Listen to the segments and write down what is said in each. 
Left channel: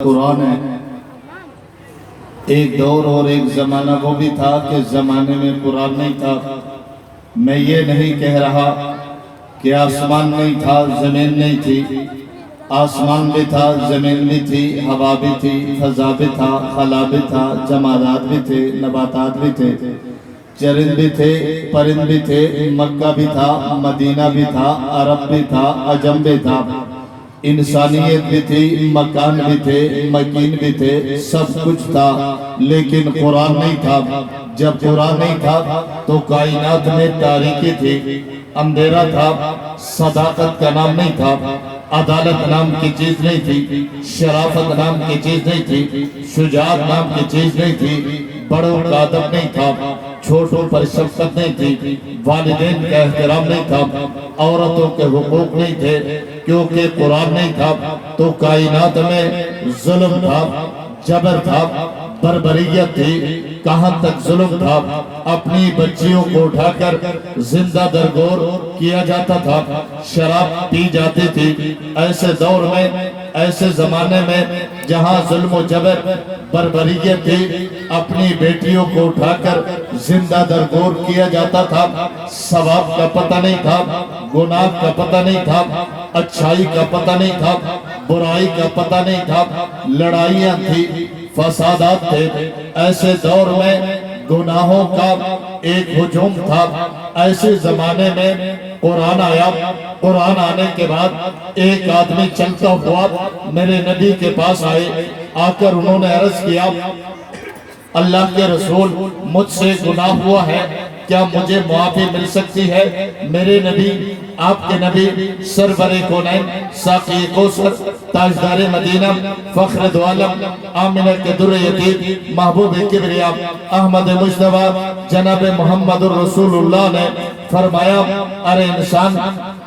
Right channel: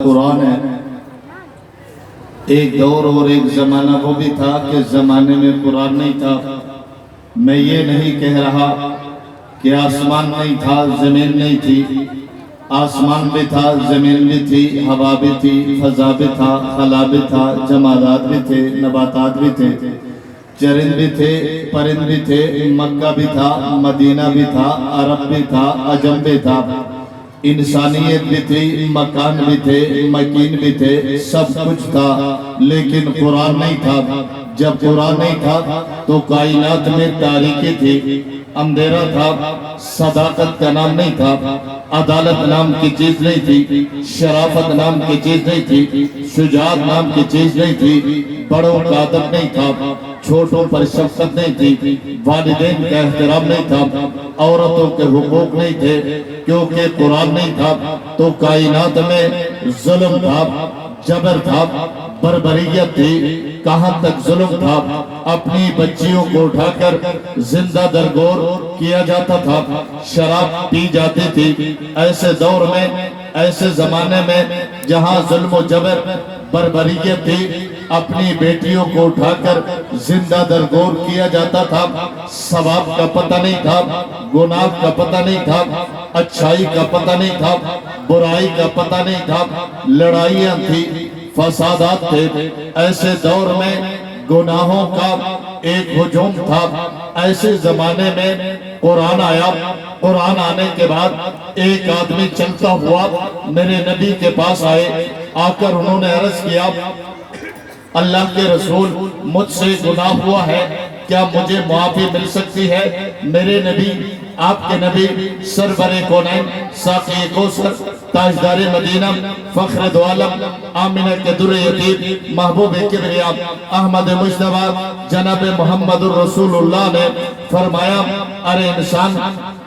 قرآن ہے۔ ایک دور اور ایک زمانہ وہ بھی تھا کہ زمانے میں قرآن نہیں تھا۔ میں یہ نہیں کہہ رہا کہ آسمان نہیں تھا، زمین نہیں تھی۔ آسمان بھی تھا، زمین بھی تھی، ہوا بھی تھی، فضا بھی تھا، خلا بھی تھا، جمادات بھی تھے، نباتات بھی تھے، چرند بھی تھے، پرند بھی تھے، مکہ بھی تھا، مدینہ بھی تھا، عرب بھی تھا، عجم بھی تھا، انسانیت بھی تھی، مکان بھی تھے، مکین بھی تھے، سب کچھ تھا، لیکن قرآن نہیں تھا۔ جب قرآن نہیں تھا تو کائنات میں تاریکی تھی، اندھیرا تھا، صداقت کا نام نہیں تھا، عدالت نام کی چیز نہیں تھی، شرافت نام کی چیز نہیں تھی، شجاعت نام کی چیز نہیں تھی، بڑوں کا ادب نہیں تھا، چھوٹوں پر شفقت نہیں تھی، والدین کا احترام نہیں تھا، عورتوں کے حقوق نہیں تھے۔ کیونکہ قرآن نہیں تھا تو کائنات میں ظلم تھا، جبر تھا، بربریت تھی۔ کہاں تک ظلم تھا؟ اپنی بچیوں کو اٹھا کر زندہ درگور کیا جاتا تھا، شراب پی جاتی تھی۔ ایسے دور میں، ایسے زمانے میں جہاں ظلم و جبر بربریت تھی، اپنی بیٹیوں کو اٹھا کر زندہ درگور کیا جاتا تھا۔ ثواب کا پتہ نہیں تھا، گناہ کا پتہ نہیں تھا، اچھائی کا پتہ نہیں تھا، برائی کا پتہ نہیں تھا، لڑائیاں تھی، فسادات تھے۔ ایسے دور میں گناہوں کا ایک ہجوم تھا۔ ایسے زمانے میں قرآن آیا۔ قرآن آنے کے بعد ایک آدمی چلتا ہوا میرے نبی کے پاس آئے۔ آ کر انہوں نے عرض کیا، اللہ کے رسول، مجھ سے گناہ ہوا ہے، کیا مجھے معافی مل سکتی ہے؟ میرے نبی، آپ کے نبی، سرور کونین، ساقی کوثر، تاجدار مدینہ، فخر دو عالم، آمنہ کے در یتیم، محبوب کبریا، احمد مجتبی، جناب محمد الرسول اللہ نے فرمایا، ارے انسان،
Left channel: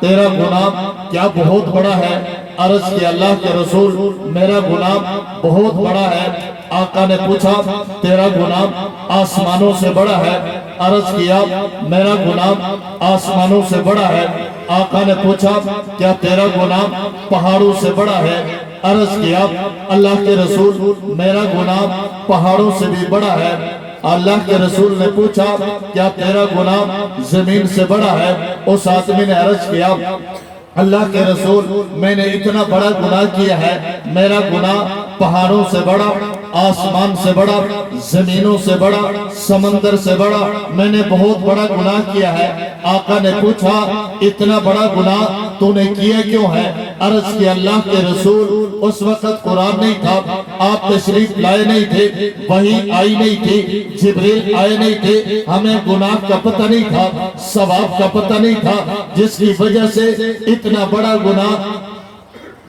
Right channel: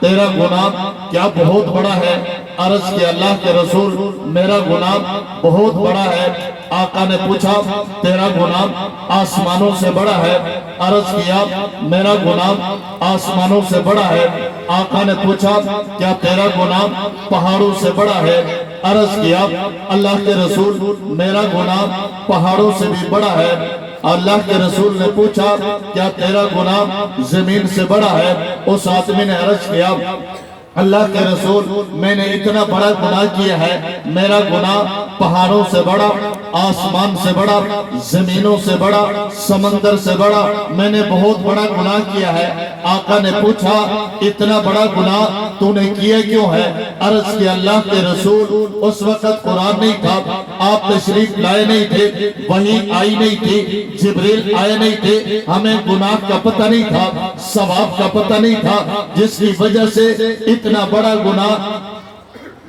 تیرا گناہ کیا بہت بڑا ہے؟ عرض کہ اللہ کے رسول، میرا گناہ بہت بڑا ہے۔ آقا نے پوچھا، تیرا گناہ آسمانوں سے بڑا ہے؟ عرض کیا، میرا گناہ آسمانوں سے بڑا ہے۔ آقا نے پوچھا، کیا تیرا گناہ پہاڑوں سے بڑا ہے؟ عرض کیا، اللہ کے رسول، میرا گناہ پہاڑوں سے بھی بڑا ہے۔ اللہ کے رسول نے پوچھا، کیا تیرا گناہ زمین سے بڑا ہے؟ اس آدمی نے عرض کیا، اللہ کے رسول، میں نے اتنا بڑا گناہ کیا ہے، میرا گناہ پہاڑوں سے بڑا، آسمان سے بڑا، زمینوں سے بڑا، سمندر سے بڑا، میں نے بہت بڑا گناہ کیا ہے۔ آقا نے پوچھا، اتنا بڑا گناہ تو نے کیا کیوں ہے؟ عرض کہ اللہ کے رسول، اس وقت قرآن نہیں تھا، آپ تشریف لائے نہیں تھے، وحی آئی نہیں تھی، جبریل آئے نہیں تھے، ہمیں گناہ کا پتہ نہیں تھا، ثواب کا پتہ نہیں تھا، جس کی وجہ سے اتنا بڑا گناہ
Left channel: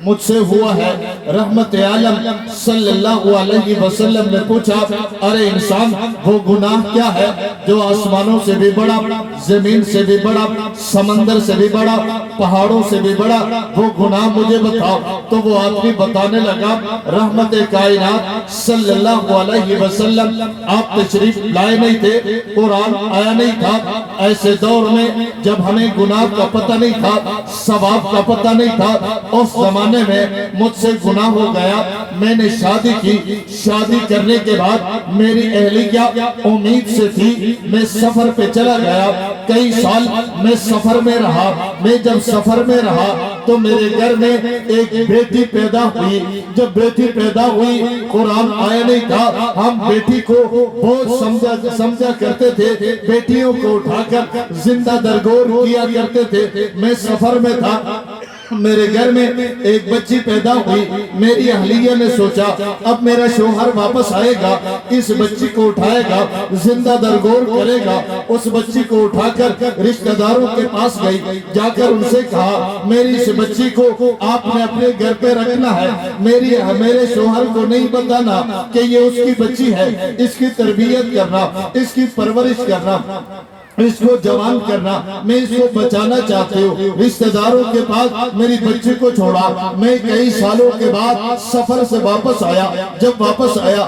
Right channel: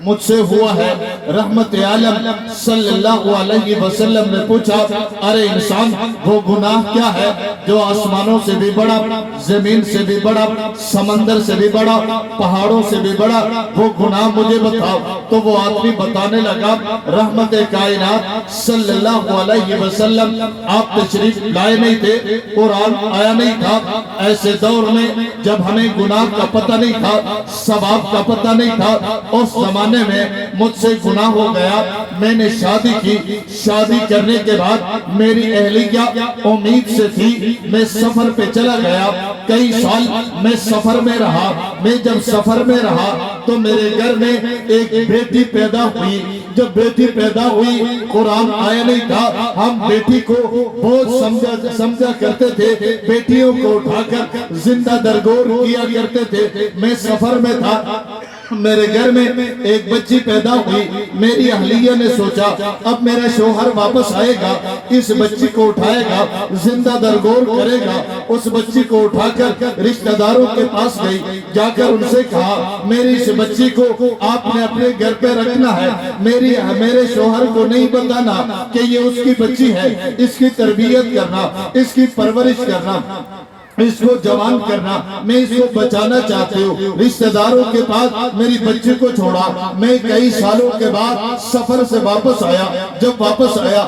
مجھ سے ہوا ہے۔ رحمت عالم صلی اللہ علیہ وسلم نے پوچھا، ارے انسان، وہ گناہ کیا ہے جو آسمانوں سے بھی بڑا، زمین سے بھی بڑا، سمندر سے بھی بڑا، پہاڑوں سے بھی بڑا؟ وہ گناہ مجھے بتاؤ۔ تو وہ آدمی بتانے لگا، رحمت کائنات صلی اللہ علیہ وسلم، آپ تشریف لائے نہیں تھے، قرآن آیا نہیں تھا۔ ایسے دور میں جب ہمیں گناہ کا پتہ نہیں تھا، ثواب کا پتہ نہیں تھا، اس زمانے میں مجھ سے گناہ ہو گیا۔ میں نے شادی کی، شادی کرنے کے بعد میری اہلیہ امید سے تھی، میں سفر پہ چلا گیا، کئی سال میں سفر میں رہا۔ میں جب سفر میں رہا تو میرے گھر میں ایک بیٹی پیدا ہوئی۔ جب بیٹی پیدا ہوئی، قرآن آیا نہیں تھا، ہم بیٹی کو بہت سمجھا کرتے تھے، بیٹیوں کو اٹھا کر زندہ درگور کیا کرتے تھے۔ میں سفر میں تھا، میرے گھر میں ایک بچی پیدا ہوئی۔ میری اہلیہ نے سوچا، اب میرا شوہر واپس آئے گا، اس بچی کو اٹھائے گا، زندہ درگور کرے گا۔ اس بچی کو اٹھا کر رشتہ داروں کے پاس گئی، جا کر ان سے کہا، میری اس بچی کو آپ نے اپنے گھر پہ رکھنا ہے، میرے شوہر کو نہیں بتانا کہ یہ اس کی بچی ہے، اس کی تربیت کرنا، اس کی پرورش کرنا، اس کو جوان کرنا، میں اس کو بچانا چاہتے ہوں۔ رشتہ داروں کے پاس میری بچی کو چھوڑا۔ میں کئی سالوں کے بعد سفر سے واپس آیا۔ جب واپس آیا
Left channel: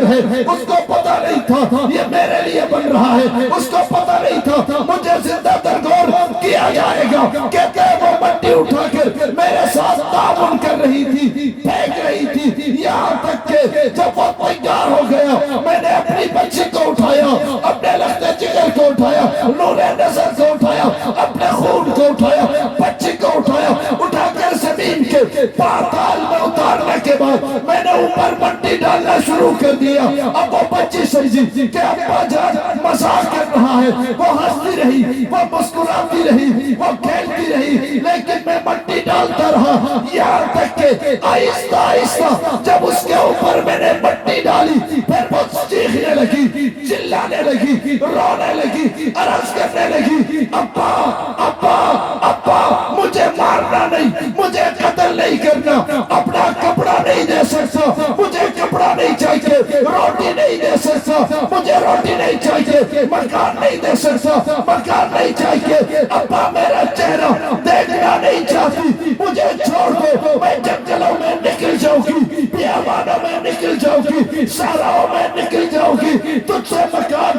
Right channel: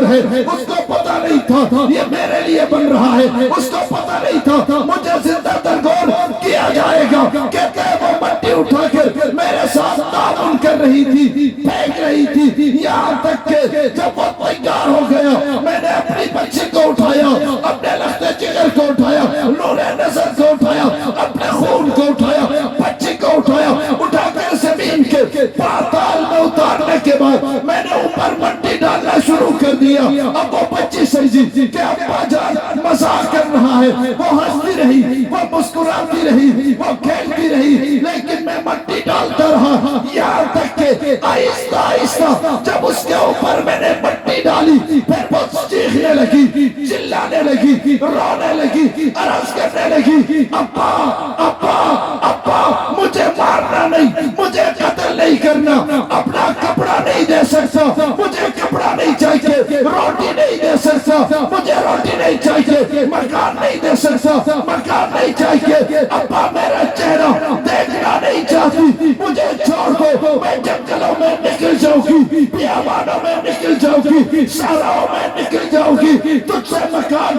قبر ہے، اس کو پتہ نہیں تھا یہ میرے لیے بن رہا ہے، اس کو پتہ نہیں تھا مجھے زندہ درگور کیا جائے گا۔ کہتے ہیں وہ مٹی اٹھا کر میرے ساتھ تعاون کر رہی تھی، پھینک رہی تھی، یہاں تک کہ جب وہ تیار ہو گیا میں نے اپنی بچی کو اٹھایا، اپنے لخت جگر کو اٹھایا، نور نظر کو اٹھایا، اپنے خون کو اٹھایا، بچی کو اٹھایا، اٹھا کر زمین کے پاتال میں اتارنے کے بعد میں نے اوپر مٹی ڈالنا شروع کر دیا۔ اب وہ بچی سمجھی کہ ابا جان مزاق کر رہا ہے، وہ ہنستی رہی، وہ مسکراتی رہی، وہ کھیلتی رہی، لیکن میں مٹی ڈالتا رہا، یہاں تک کہ آہستہ آہستہ جب اس کے اوپر میں نے مٹی ڈالی پھر وہ چیخنے لگی، چلانے لگی، رونے لگی، عرض کرنے لگی، ابا ابا ابا مجھے مارنا نہیں، مجھے قتل نہیں کرنا، اپنا کپڑا نہیں دے سکتا، مجھے کپڑا نہیں چاہیے، روٹی نہیں دے سکتا، مجھے روٹی نہیں چاہیے، مکان نہیں دے سکتا، مکان نہیں چاہیے، ابا میرا چہرہ دیکھنا نہیں چاہتی، مجھے چھوڑ دو، میں جنگلوں میں نکل جاؤں گی، بیابانوں میں نکل جاؤں گی، صحراؤں میں نکل جاؤں گی، تجھ سے مکان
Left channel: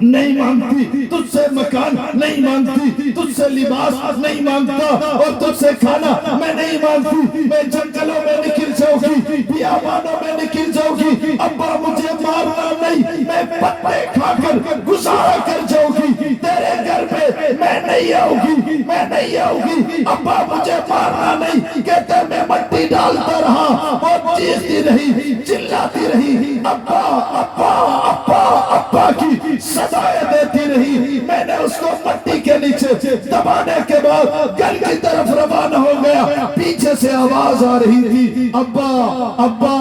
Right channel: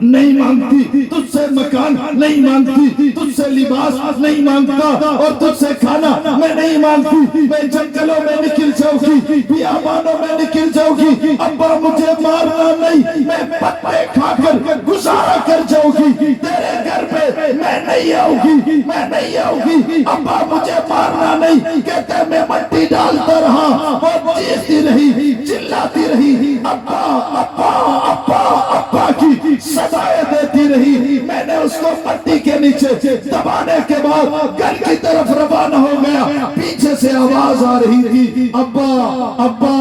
نہیں مانگتی، تجھ سے مکان نہیں مانگتی، تجھ سے لباس نہیں مانگتا، اور تجھ سے کھانا میں نہیں مانگتی، میں جنگلوں میں نکل جاؤں گی، بیابانوں میں نکل جاؤں گی، ابا مجھے مارنا نہیں، میں پتے کھا کر گزارا کر جاؤں گی، تیرے گھر پہ میں نہیں آؤں گی، میں نہیں آؤں گی، ابا مجھے مارنا نہیں۔ کہتے میں مٹی ڈالتا رہا اور چیختی رہی، چلاتی رہی، ابا ابا ابا ابا کی صدائیں دیتی رہی۔ میں نے اس کو مٹی کے نیچے دبانے کے بعد گھر کی طرف روانہ ہو گیا، پیچھے سے آواز آ رہی تھی، ابا ابا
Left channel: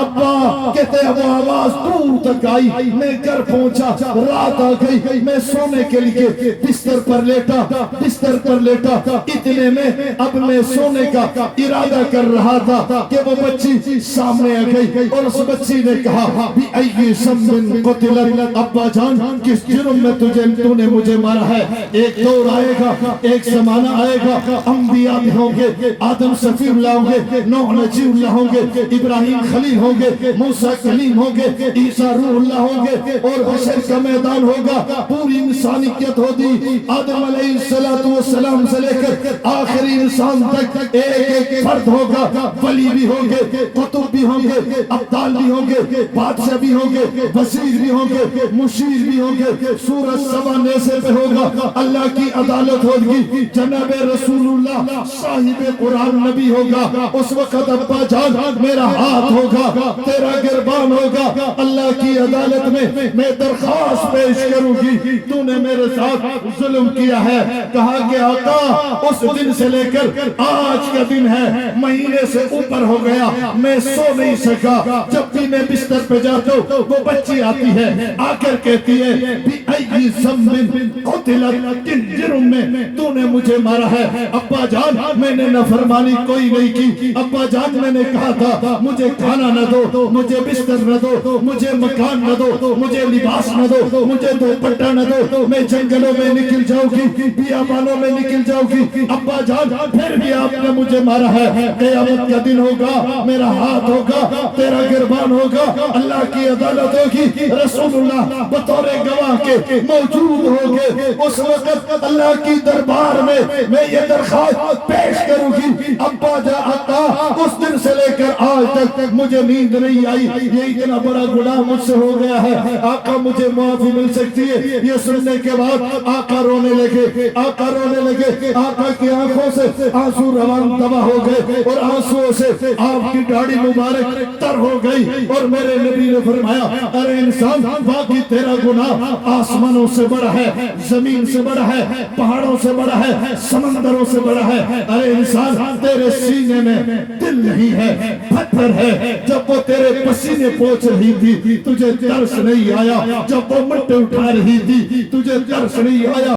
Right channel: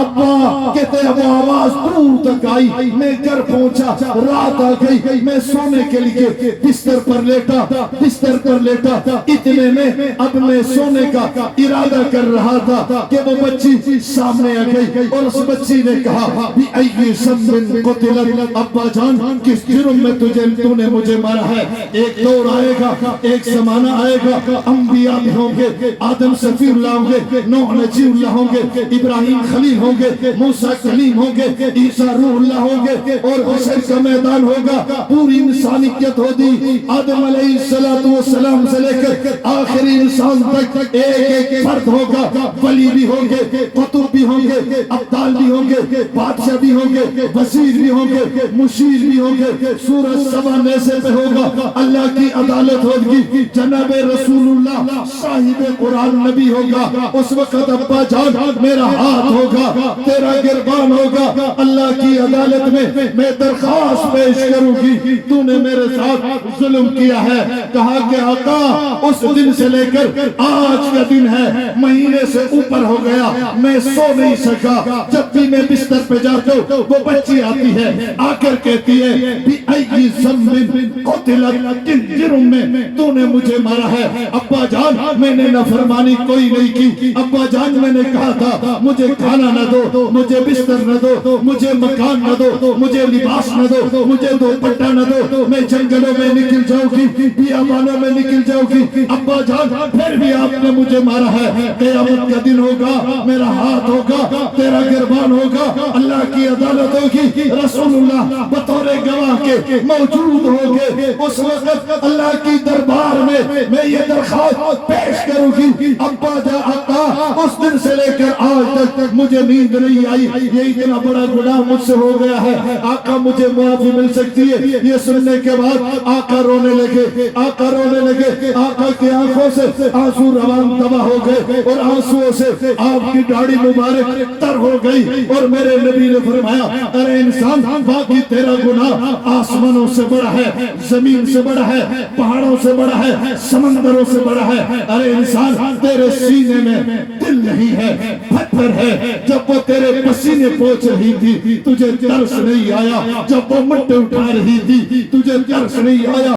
ابا، کہتے ہیں وہ آواز دور تک آئی، میں گھر پہنچا، رات آ گئی، میں سونے کے لیے بستر پر لیٹا، اتنے میں اب میں سونے کا ارادہ کر رہا تھا کہ وہ بچی سامنے آ گئی اور اس بچی نے کہا بھی ائی ذنب قتلت، ابا جان کس جرم میں تو نے مجھے مارا ہے؟ ایک دور آئے گا، ایک زمانہ آئے گا، انبیاء بھی ہوں گے، آدم صفی اللہ ہوں گے، نوح نجی اللہ ہوں گے، ابراہیم خلیل ہوں گے، موسیٰ کلیم ہوں گے، عیسیٰ روح اللہ ہوں گے، اور حشر کا میدان ہوگا، پوری انسانیت ہوگی، آدم علیہ السلام سے لے کر آخری انسان تک ایک ایک فرد ہوگا، ولی بھی ہوں گے، قطب بھی ہوں گے، ابدال بھی ہوں گے، بادشاہ بھی ہوں گے، وزیر بھی ہوں گے، مشیر بھی ہوں گے، سورج سوانے سے پہ ہوگا، اللہ کی عدالت ہوگی، جناب رسول اللہ صاحب قرآن نبی ہوگا، اس وقت ابا جان میرا ہاتھ ہوگا، تیرا گربان ہوگا، اللہ کی عدالت میں درخواست پیش کروں گی، تو نے میرے ساتھ ظلم کیا ہے۔ کہا کہ آقا اس دن سے لے کر آج کا دن ہے، مہینے سے اوپر ہو گیا، میں سو نہیں سکا، جب بھی میں بستر پہ جاتا ہوں وہ بچی آتی ہے، آ کر کہتی ہے بھی ائی ذنب قتلت، کن جرم میں تو نے مجھے مارا ہے؟ ابا جان میں نے نافرمانی کوئی نہیں کی، ابا جان میں نے کہا تھا مجھے کھانا نہ دو، مجھے بستر نہ دو، مجھے مکان نہ دو، مجھے لباس نہ دو، مجھے دوپٹہ نہ دو، میں جنگلوں میں نکل جاؤں گی، بیابانوں میں نکل جاؤں گی، ابا جان پھر بھی آپ نے مجھے مارا ہے، قیامت کا دن ہوگا، میرا ہاتھ ہوگا، تیرا گربان ہوگا، اللہ کی عدالت ہوگی، رسول اللہ بطور گواہ کے موجود ہوگے، اس وقت اللہ کی دربار میں یہ درخواست پیش کروں گی، ابا جان آقا اس دن سے لے کر آج تک مجھے نیند نہیں آئی، یہ اتنا بڑا گناہ مجھ سے ہو گیا ہے، آقا مجھے معافی مل سکتی ہے؟ یہ سننے کے بعد آقا رونے لگے، آقا رونے لگے، آقا کی آنکھوں سے آنسو روان دوا ہو گئے، اور آنسو سے آپ کی داڑھی مبارک تر ہو گئی، اور میرے نبی نے فرمایا ارے انسان باقی تیرا گناہ آسمانوں سے بڑا ہے، زمین سے بڑا ہے، پہاڑوں سے بڑا ہے، سمندروں سے بڑا ہے، ارے انسان تیرے سینے میں دل نہیں ہے، پتھر ہے، جب وہ تیرے پسینے پہنچ رہی تھی تجھے ترس نہیں آیا، جب وہ مٹی اٹھا رہی تھی تجھے ترس نہیں آیا،